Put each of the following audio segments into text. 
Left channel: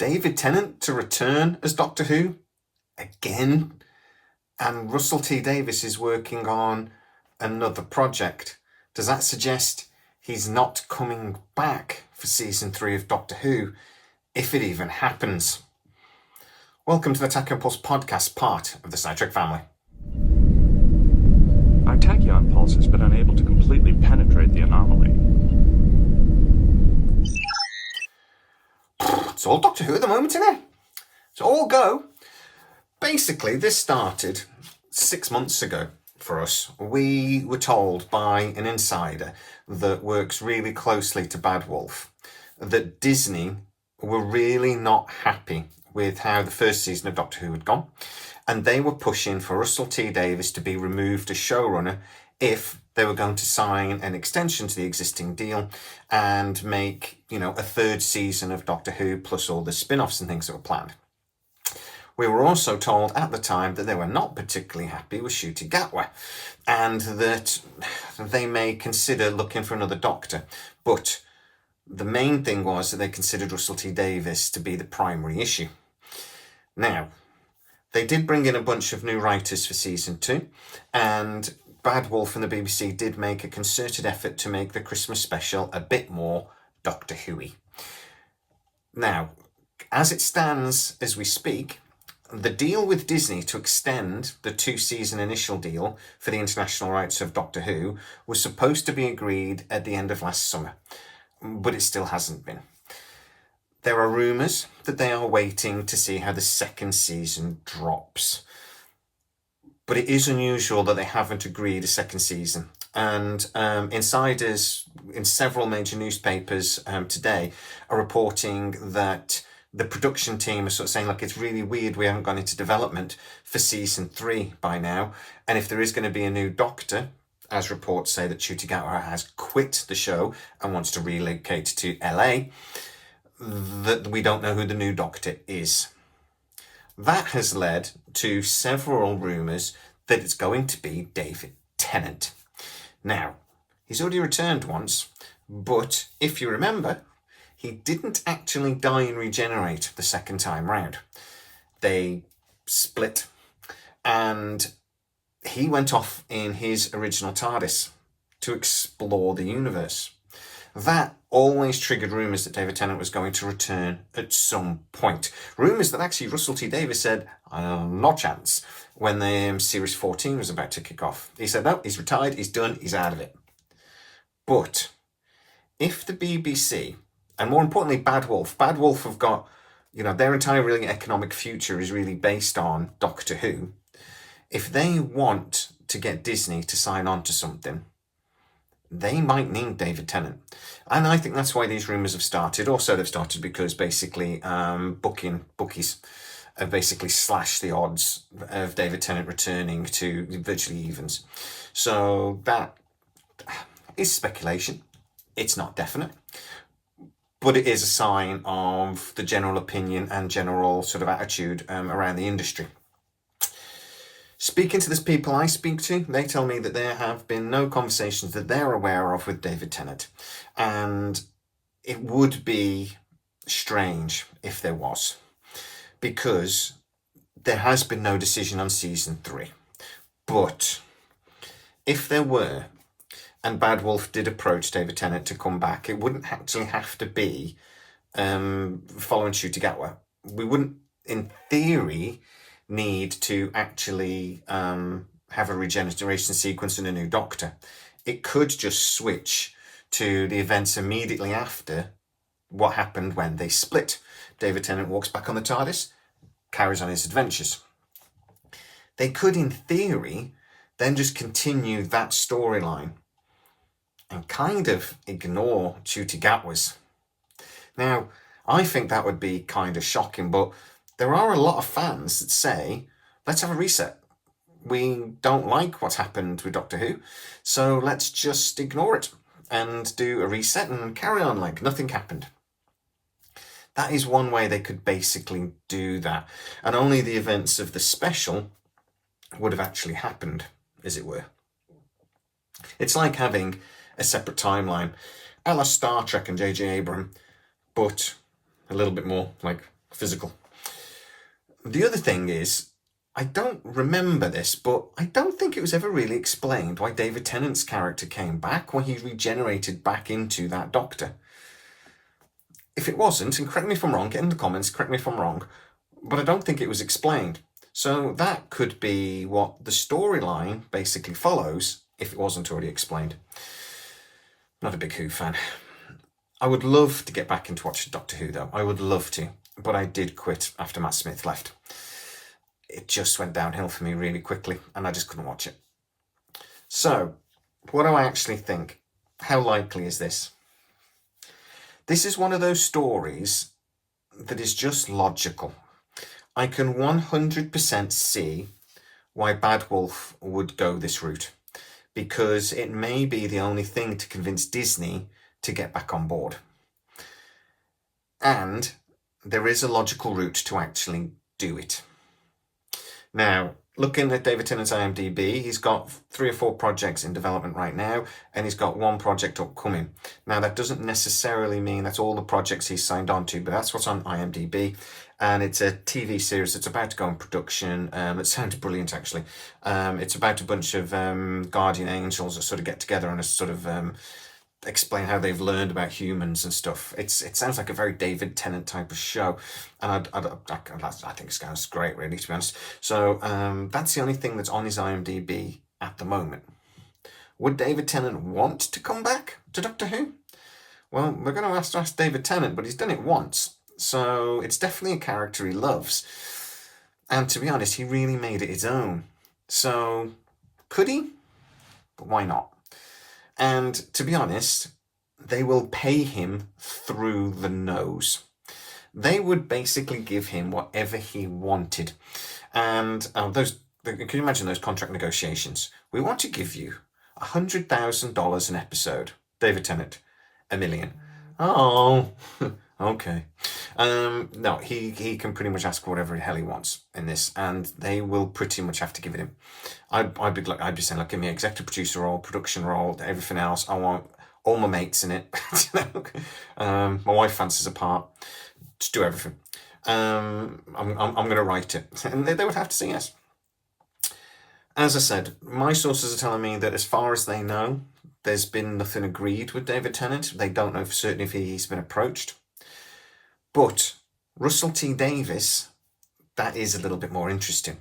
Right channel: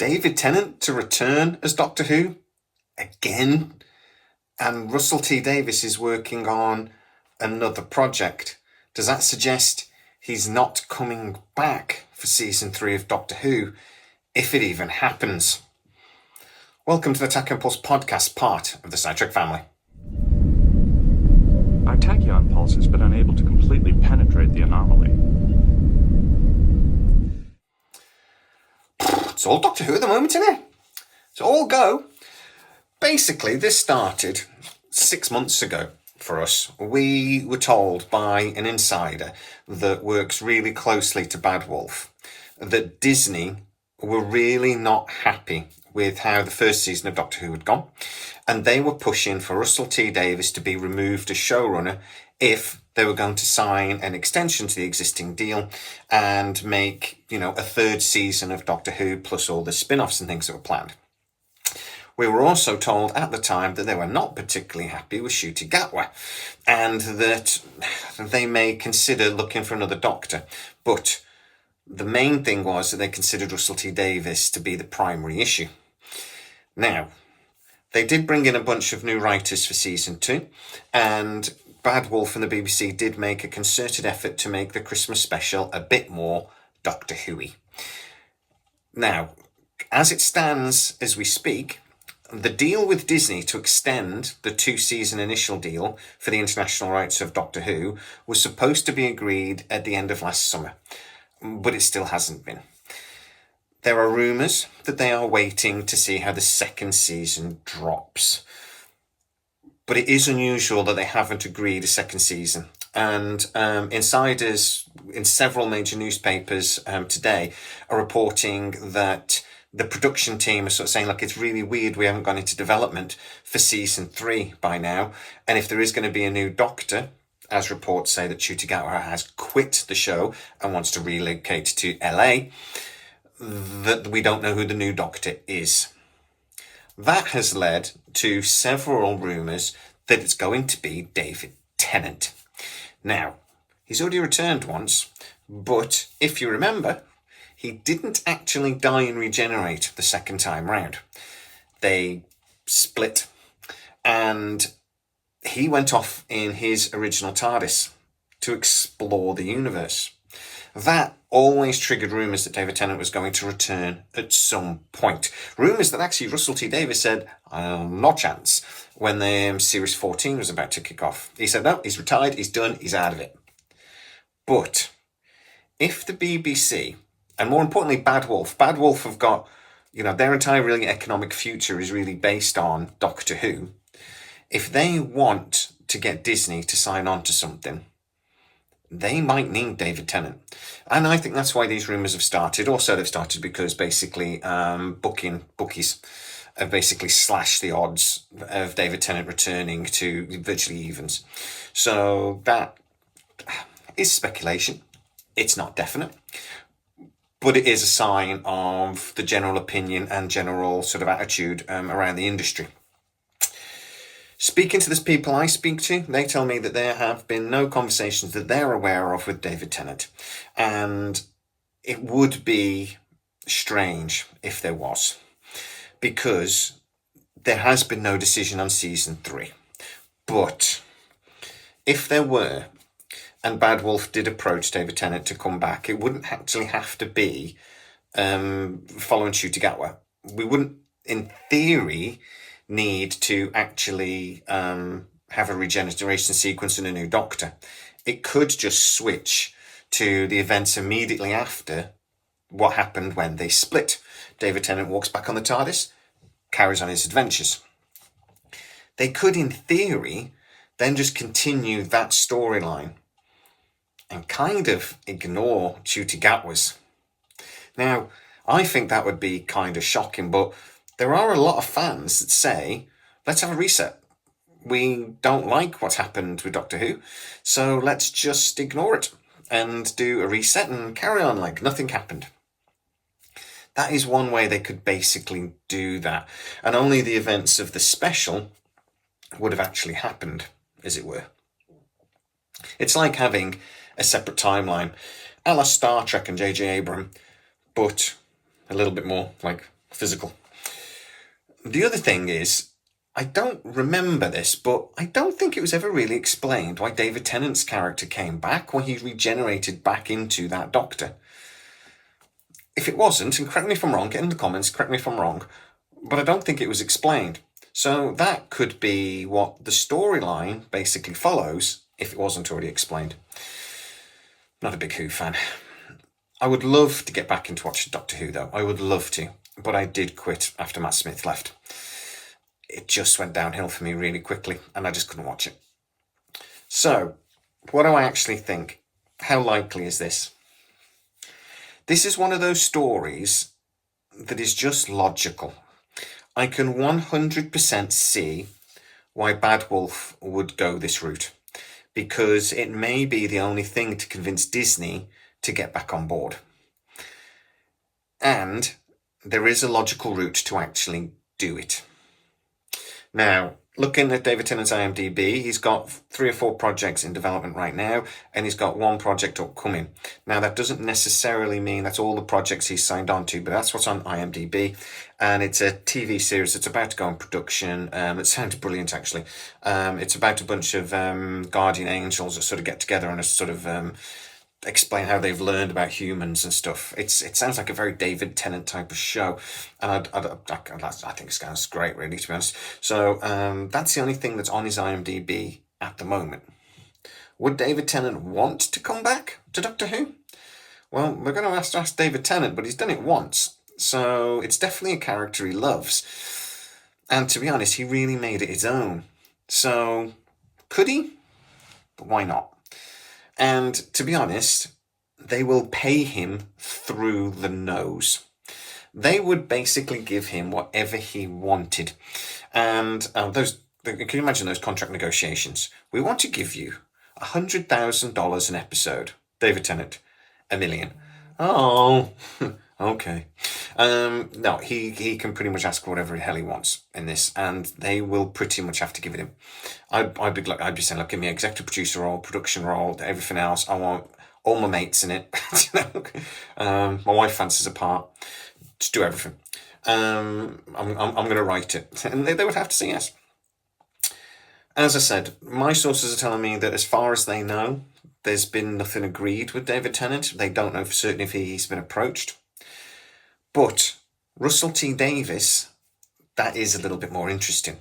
David Tennant to return as Doctor Who again, and Russell T Davies is working on another project. Does that suggest he's not coming back for season 3 of Doctor Who, if it even happens? Welcome to the Tachyon Pulse podcast, part of the Sci-Trek family. Our tachyon pulse has been unable to completely penetrate the anomaly. It's all Doctor Who at the moment, isn't it? It's all go. Basically, this started 6 months ago for us. We were told by an insider that works really closely to Bad Wolf that Disney were really not happy with how the first season of Doctor Who had gone, and they were pushing for Russell T Davies to be removed as showrunner if they were going to sign an extension to the existing deal and make, a third season of Doctor Who plus all the spin-offs and things that were planned. We were also told at the time that they were not particularly happy with Ncuti Gatwa and that they may consider looking for another doctor. But the main thing was that they considered Russell T Davies to be the primary issue. Now, they did bring in a bunch of new writers for season 2, and Bad Wolf and the BBC did make a concerted effort to make the Christmas special a bit more Doctor Who-y. Now, as it stands as we speak, the deal with Disney to extend the 2-season initial deal for the international rights of Doctor Who was supposed to be agreed at the end of last summer, but it still hasn't been. There are rumours that they are waiting to see how the second season drops. But it is unusual that they haven't agreed a second season. And insiders in several major newspapers today are reporting that the production team are sort of saying, look, it's really weird we haven't gone into development for season 3 by now. And if there is going to be a new Doctor, as reports say that Ncuti Gatwa has quit the show and wants to relocate to LA, that we don't know who the new Doctor is. That has led to several rumours that it's going to be David Tennant. Now, he's already returned once, but if you remember, he didn't actually die and regenerate the second time round. They split, and he went off in his original TARDIS to explore the universe. That always triggered rumours that David Tennant was going to return at some point. Rumours that actually Russell T Davies said, no chance, when the Series 14 was about to kick off. He said, no, he's retired, he's done, he's out of it. But if the BBC, and more importantly Bad Wolf have got, their entire really economic future is really based on Doctor Who. If they want to get Disney to sign on to something, they might need David Tennant. And I think that's why these rumours have started. Also, they've started because basically bookies have basically slashed the odds of David Tennant returning to virtually evens. So that is speculation. It's not definite. But it is a sign of the general opinion and general sort of attitude around the industry. Speaking to the people I speak to, they tell me that there have been no conversations that they're aware of with David Tennant. And it would be strange if there was, because there has been no decision on season 3. But if there were, and Bad Wolf did approach David Tennant to come back, it wouldn't actually have to be following Ncuti Gatwa. We wouldn't, in theory, need to actually have a regeneration sequence and a new Doctor. It could just switch to the events immediately after what happened when they split. David Tennant walks back on the TARDIS, carries on his adventures. They could, in theory, then just continue that storyline and kind of ignore Ncuti Gatwa's. Now, I think that would be kind of shocking, but there are a lot of fans that say, let's have a reset. We don't like what's happened with Doctor Who, so let's just ignore it and do a reset and carry on like nothing happened. That is one way they could basically do that. And only the events of the special would have actually happened, as it were. It's like having a separate timeline, a la Star Trek and J.J. Abrams, but a little bit more like physical. The other thing is, I don't remember this, but I don't think it was ever really explained why David Tennant's character came back, why he regenerated back into that Doctor. If it wasn't, and correct me if I'm wrong, get in the comments, correct me if I'm wrong, but I don't think it was explained. So that could be what the storyline basically follows, if it wasn't already explained. Not a big Who fan. I would love to get back into watching Doctor Who, though. I would love to, but I did quit after Matt Smith left. It just went downhill for me really quickly, and I just couldn't watch it. So, what do I actually think? How likely is this? This is one of those stories that is just logical. I can 100% see why Bad Wolf would go this route, because it may be the only thing to convince Disney to get back on board. And there is a logical route to actually do it. Now, looking at David Tennant's IMDb, he's got 3 or 4 projects in development right now, and he's got 1 project upcoming. Now, that doesn't necessarily mean that's all the projects he's signed on to, but that's what's on IMDb. And it's a TV series that's about to go in production. It sounds brilliant, actually. It's about a bunch of guardian angels that sort of get together and sort of explain how they've learned about humans and stuff. It sounds like a very David Tennant type of show, and I think it sounds great, really, to be honest. So that's the only thing that's on his IMDb at the moment. Would David Tennant want to come back to Doctor Who? Well, we're going to have to ask David Tennant, but he's done it once, so it's definitely a character he loves. And to be honest, he really made it his own. So could he? But why not? And to be honest, they will pay him through the nose. They would basically give him whatever he wanted. And can you imagine those contract negotiations? We want to give you $100,000 an episode. David Tennant, $1 million. Oh, okay. No, he can pretty much ask for whatever the hell he wants in this, and they will pretty much have to give it him. I'd be saying, look, give me an executive producer role, production role, everything else. I want all my mates in it. My wife fancies a part. Just do everything. I'm going to write it, and they would have to say yes. As I said, my sources are telling me that as far as they know, there's been nothing agreed with David Tennant. They don't know for certain if he's been approached. But Russell T Davies, that is a little bit more interesting,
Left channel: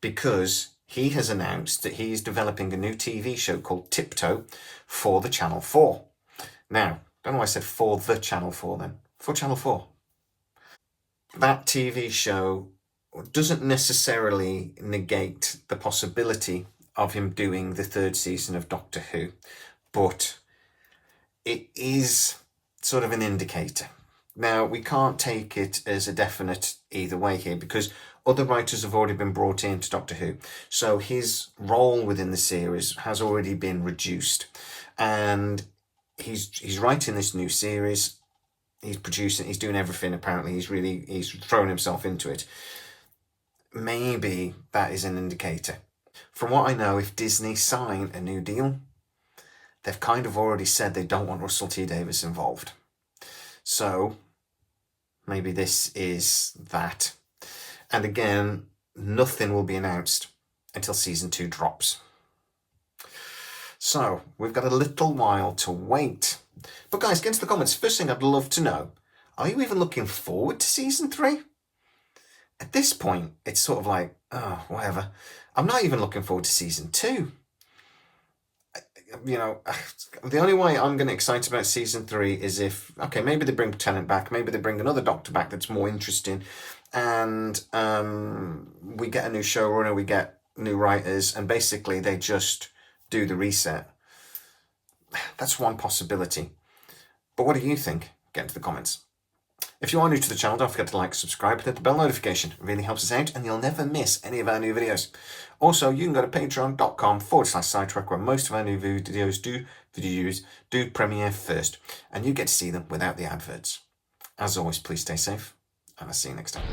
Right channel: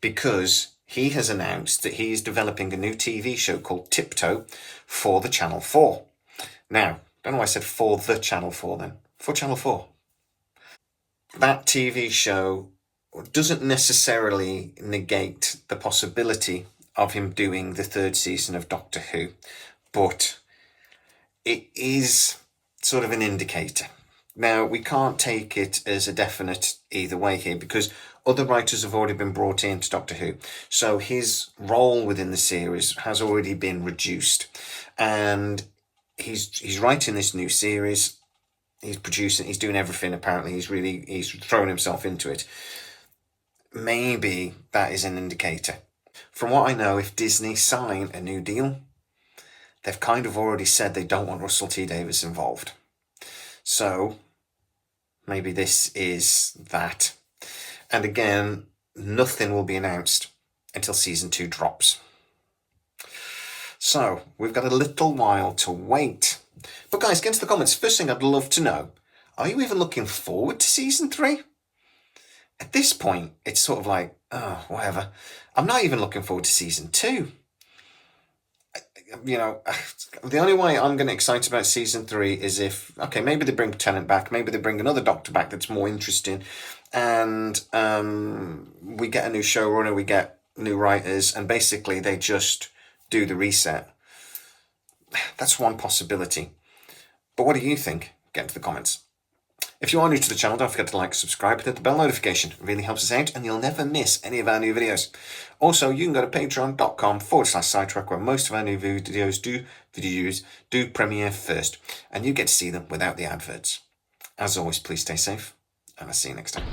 because he has announced that he is developing a new TV show called Tiptoe for the Channel 4. Now, don't know why I said for the Channel 4 then. For Channel 4. That TV show doesn't necessarily negate the possibility of him doing the 3rd season of Doctor Who, but it is sort of an indicator. Now, we can't take it as a definite either way here, because other writers have already been brought into Doctor Who. So his role within the series has already been reduced. And he's writing this new series. He's producing, he's doing everything, apparently. He's thrown himself into it. Maybe that is an indicator. From what I know, if Disney sign a new deal, they've kind of already said they don't want Russell T Davies involved. So maybe this is that. And again, nothing will be announced until season 2 drops. So we've got a little while to wait. But guys, get into the comments. First thing I'd love to know, are you even looking forward to season 3? At this point, it's sort of like, oh, whatever. I'm not even looking forward to season 2. You know, the only way I'm going to get excited about season 3 is if, okay, maybe they bring Tennant back, maybe they bring another Doctor back that's more interesting, and we get a new showrunner, we get new writers, and basically they just do the reset. That's one possibility. But what do you think? Get into the comments. If you are new to the channel, don't forget to like, subscribe, and hit the bell notification. It really helps us out, and you'll never miss any of our new videos. Also, you can go to patreon.com/scitrek, where most of our new videos do premiere first, and you get to see them without the adverts. As always, please stay safe, and I'll see you next time.